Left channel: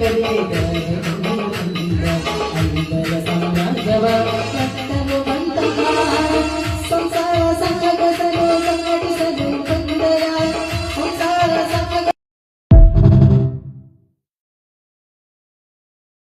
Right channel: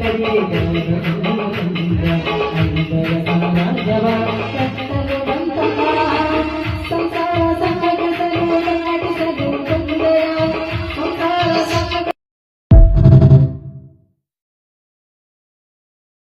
kaderiydim